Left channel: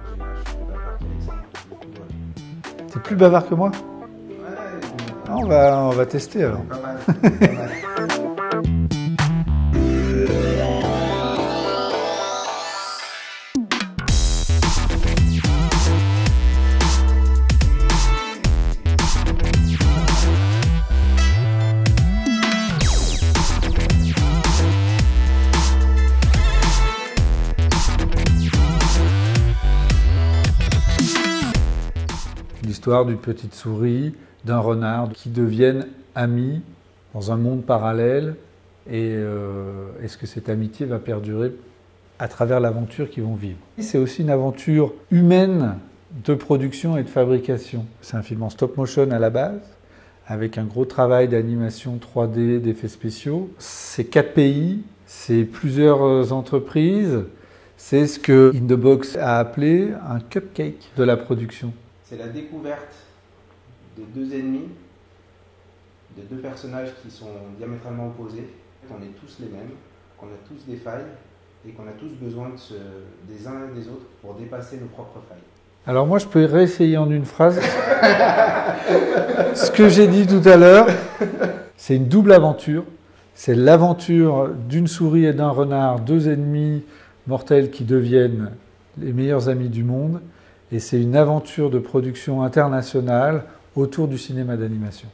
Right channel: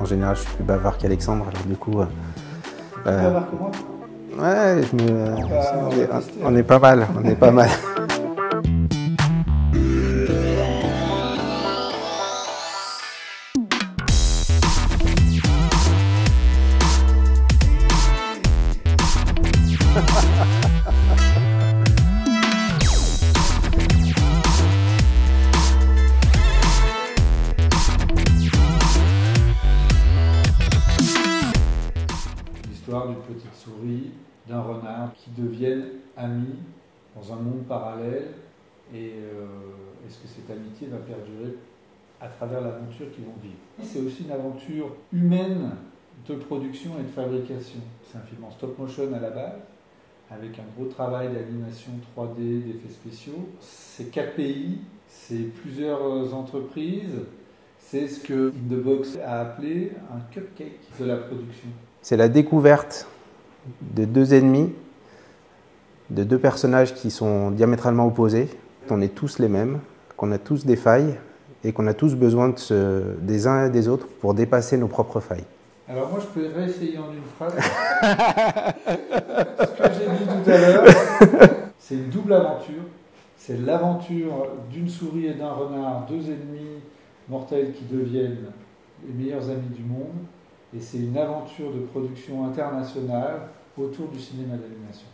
En général, je suis plus bavard qu'Alexandre, du coup... T'es plus bavard que moi? Ouais, on va tester. On est pas mal, on est pas mal. L'histoire d'une petite souris, d'un renard qui deviennent amis dans un monde parallèle et est-ce que cette amitié va perdurer à travers l'aventure qu'ils vont vivre. C'est aussi une aventure humaine de production et de fabrication. C'est un film en stop motion à la base, avec un gros travail d'animation 3D, d'effets spéciaux. C'est 4 pays, c'est plusieurs entreprises, c'est ce que In The Box a appelé un cupcake de la production. C'est la découverte de deux ennemis, de deux personnages qui sont diamétralement opposés. On est tous les mêmes, qu'on a tous des failles et qu'on a tous besoin des uns et des autres pour dépasser nos propres failles. Alors moi, je peux réessayer en une phrase ce que j'ai dit tout à l'heure. C'est une double aventure. C'est l'aventure d'une souris et d'un renard, deux ennemis mortels qui deviennent les meilleurs amis du monde. Et c'est une aventure de production internationale autour du cinéma d'animation.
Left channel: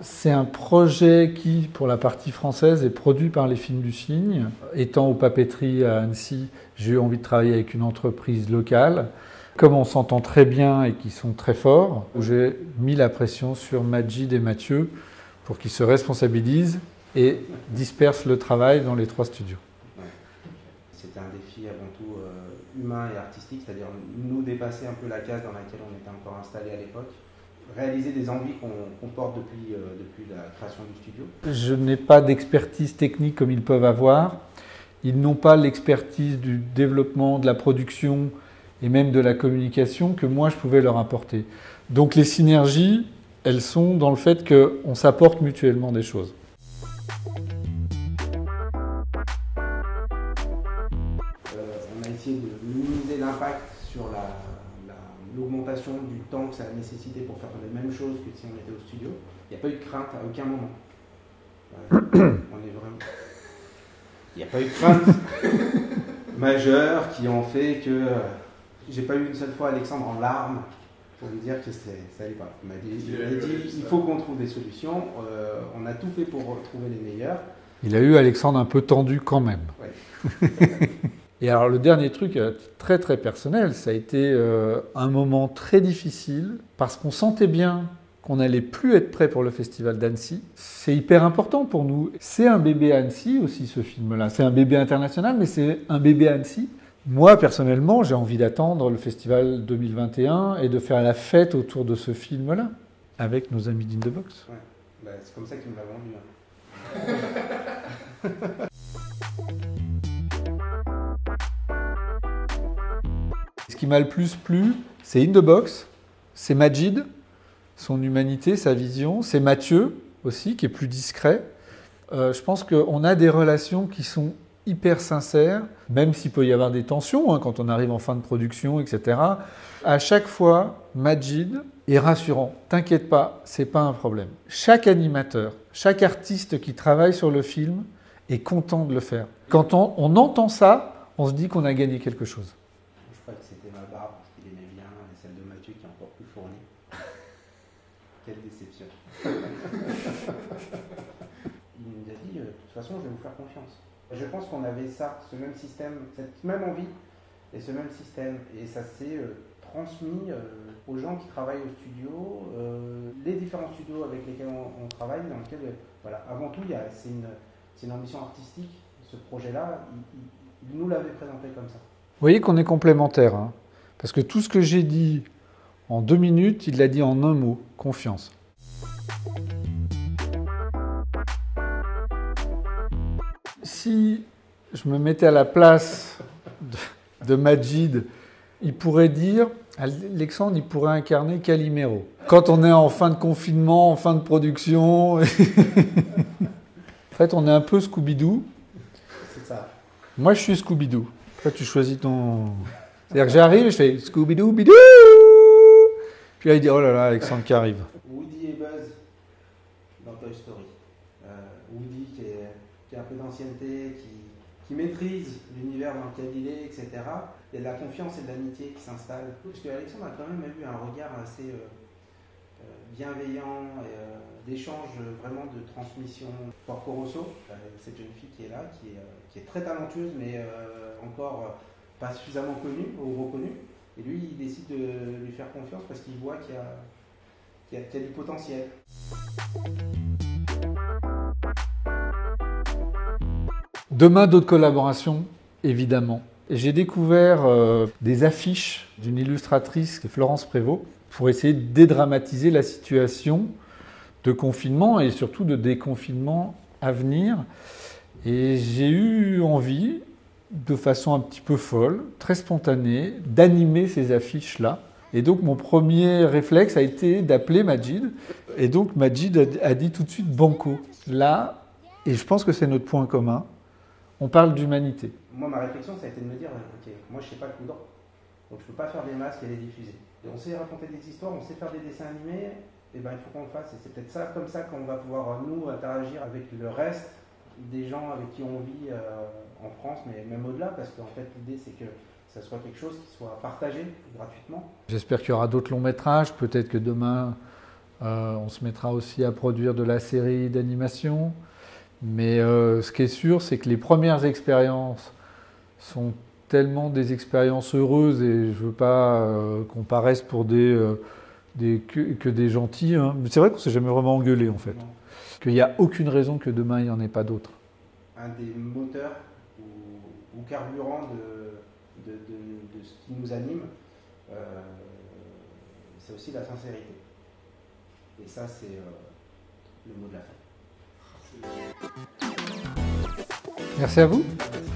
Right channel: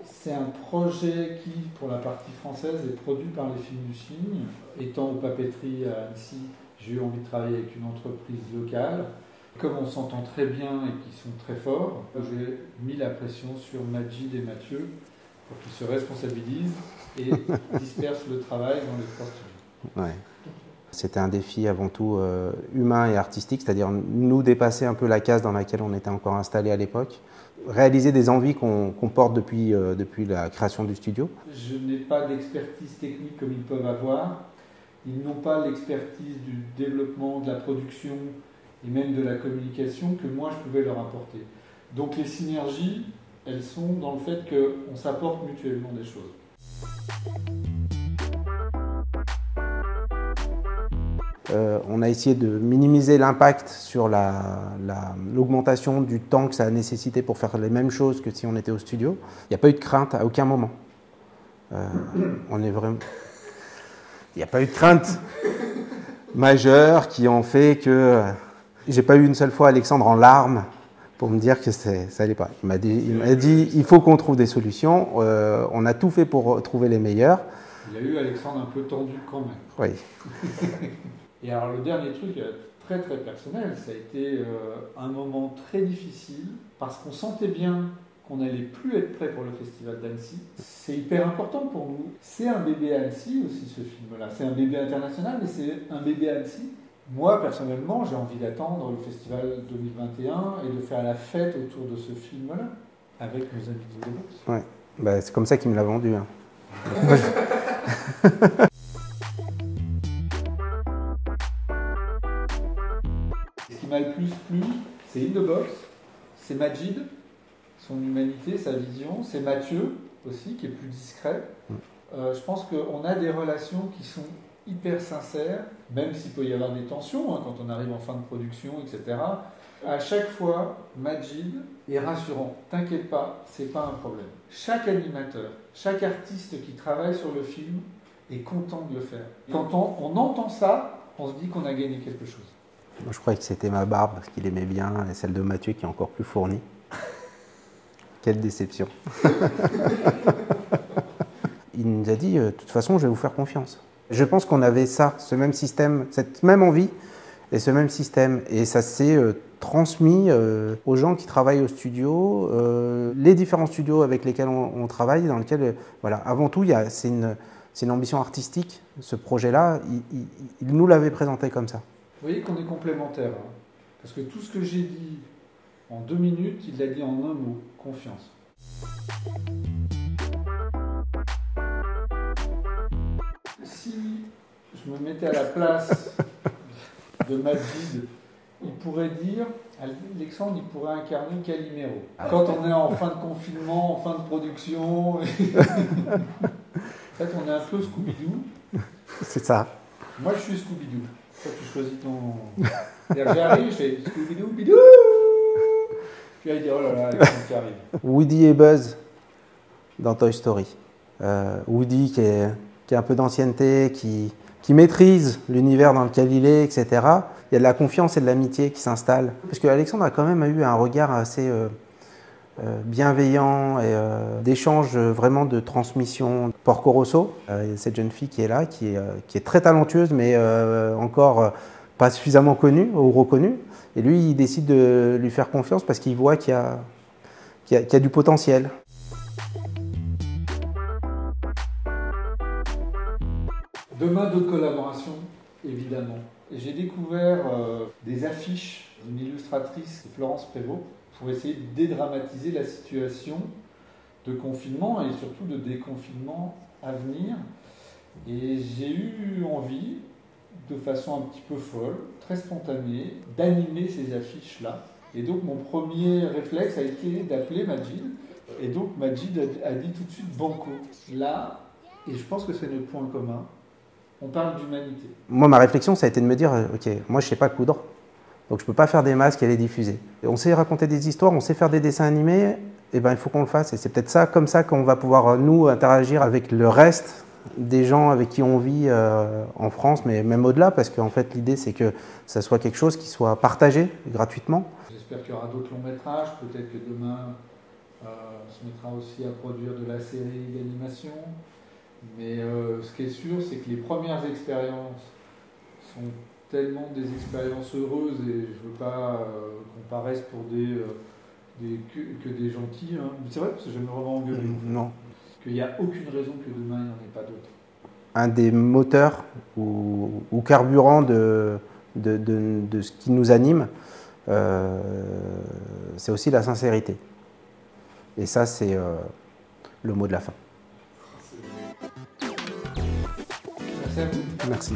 C'est un projet qui, pour la partie française, est produit par les Films du Cygne. Étant aux papeteries à Annecy, j'ai eu envie de travailler avec une entreprise locale. Comme on s'entend très bien et qu'ils sont très forts, j'ai mis la pression sur Majid et Mathieu pour qu'ils se responsabilisent et dispersent le travail dans les 3 studios. Ouais. C'était un défi avant tout humain et artistique, c'est-à-dire nous dépasser un peu la case dans laquelle on était encore installé à l'époque, réaliser des envies qu'on porte depuis la création du studio. Je n'ai pas d'expertise technique comme ils peuvent avoir. Ils n'ont pas l'expertise du développement, de la production et même de la communication que moi je pouvais leur apporter. Donc les synergies, elles sont dans le fait qu'on s'apporte mutuellement des choses. On a essayé de minimiser l'impact sur l'augmentation du temps que ça a nécessité pour faire les mêmes choses que si on était au studio. Il n'y a pas eu de crainte à aucun moment. On est vraiment... Il n'y a pas eu de crainte majeure qui ont fait que... J'ai pas eu une seule fois Alexandre en larmes pour me dire que ça allait pas. Il m'a dit il faut qu'on trouve des solutions. On a tout fait pour trouver les meilleures. Il a eu Alexandre un peu tendu quand même. Oui. Et alors le dernier truc très très personnel, ça a été un moment très difficile parce qu'on sentait bien qu'on n'allait plus être prêt pour le festival d'Annecy. C'est hyper important pour nous. C'est un bébé Annecy aussi ce film-là. C'est un bébé international mais c'est un bébé Annecy. Moi personnellement j'ai envie d'attendre le festival 2021 et de faire la fête autour de ce film-là avec nos amis d'In The Box. Ouais. Bah, c'est comme ça qu'il me l'a vendu. Hein. Ce qui m'a le plus plu, c'est In The Box, c'est Majid, son humanité, sa vision, c'est Mathieu aussi, qui est plus discret. Je pense qu'on a des relations qui sont hyper sincères, même s'il peut y avoir des tensions hein, quand on arrive en fin de production, etc. À chaque fois, Majid est rassurant. T'inquiète pas, c'est pas un problème. Chaque animateur, chaque artiste qui travaille sur le film est content de le faire. Quand on entend ça, on se dit qu'on a gagné quelque chose. Moi, je croyais que c'était ma barbe, parce qu'il aimait bien, et celle de Mathieu qui est encore plus fournie. Quelle déception. Il nous a dit, de toute façon, je vais vous faire confiance. Je pense qu'on avait ça, ce même système, cette même envie et ce même système. Et ça s'est transmis aux gens qui travaillent au studio, les différents studios avec lesquels on travaille, dans lesquels, voilà, avant tout, c'est une ambition artistique. Ce projet-là, il nous l'avait présenté comme ça. Vous voyez qu'on est complémentaires, hein, parce que tout ce que j'ai dit en 2 minutes, il l'a dit en un mot, confiance. Si je me mettais à la place de Majid, il pourrait dire, Alexandre, il pourrait incarner Calimero. Quand on est en fin de confinement, en fin de production, en fait, on est un peu Scooby-Doo. C'est ça. Moi, je suis Scooby-Doo. Toi, tu choisis ton... C'est-à-dire que j'arrive, je fais Scooby-Doo, bidou. Puis là, il dit, oh là là, Alexandre qui arrive. Woody et Buzz dans Toy Story. Woody qui a un peu d'ancienneté, qui maîtrise l'univers dans lequel il est, etc. Il y a de la confiance et de l'amitié qui s'installent. Parce qu'Alexandre a quand même eu un regard assez bienveillant et d'échange vraiment de transmission. Porco Rosso, cette jeune fille qui est là, qui est très talentueuse, mais encore pas suffisamment connue ou reconnue. Et lui, il décide de lui faire confiance parce qu'il voit qu'il y a du potentiel. Demain, d'autres collaborations, évidemment. Et j'ai découvert des affiches d'une illustratrice, Florence Prévost, pour essayer de dédramatiser la situation de confinement et surtout de déconfinement à venir. Et j'ai eu envie, de façon un petit peu folle, très spontanée, d'animer ces affiches-là. Et donc mon premier réflexe a été d'appeler Majid. Et donc Majid a dit tout de suite banco. Là, et je pense que c'est notre point commun, on parle d'humanité. Moi, ma réflexion, ça a été de me dire, ok, moi je ne sais pas coudre, donc je ne peux pas faire des masques et les diffuser. Et on sait raconter des histoires, on sait faire des dessins animés, et ben il faut qu'on le fasse. Et c'est peut-être ça, comme ça, qu'on va pouvoir, nous, interagir avec le reste des gens avec qui on vit en France, mais même au-delà, parce qu'en fait, l'idée, c'est que ça soit quelque chose qui soit partagé gratuitement. J'espère qu'il y aura d'autres longs métrages, peut-être que demain, on se mettra aussi à produire de la série d'animation. Mais ce qui est sûr, c'est que les premières expériences sont tellement des expériences heureuses, et je ne veux pas qu'on paraisse pour que des gentils. Hein. C'est vrai qu'on ne s'est jamais vraiment engueulé, en fait. Non. Qu'il n'y a aucune raison que demain, il n'y en ait pas d'autres. Un des moteurs ou carburants de ce qui nous anime, c'est aussi la sincérité. Et ça, c'est le mot de la fin. Merci à vous. Merci.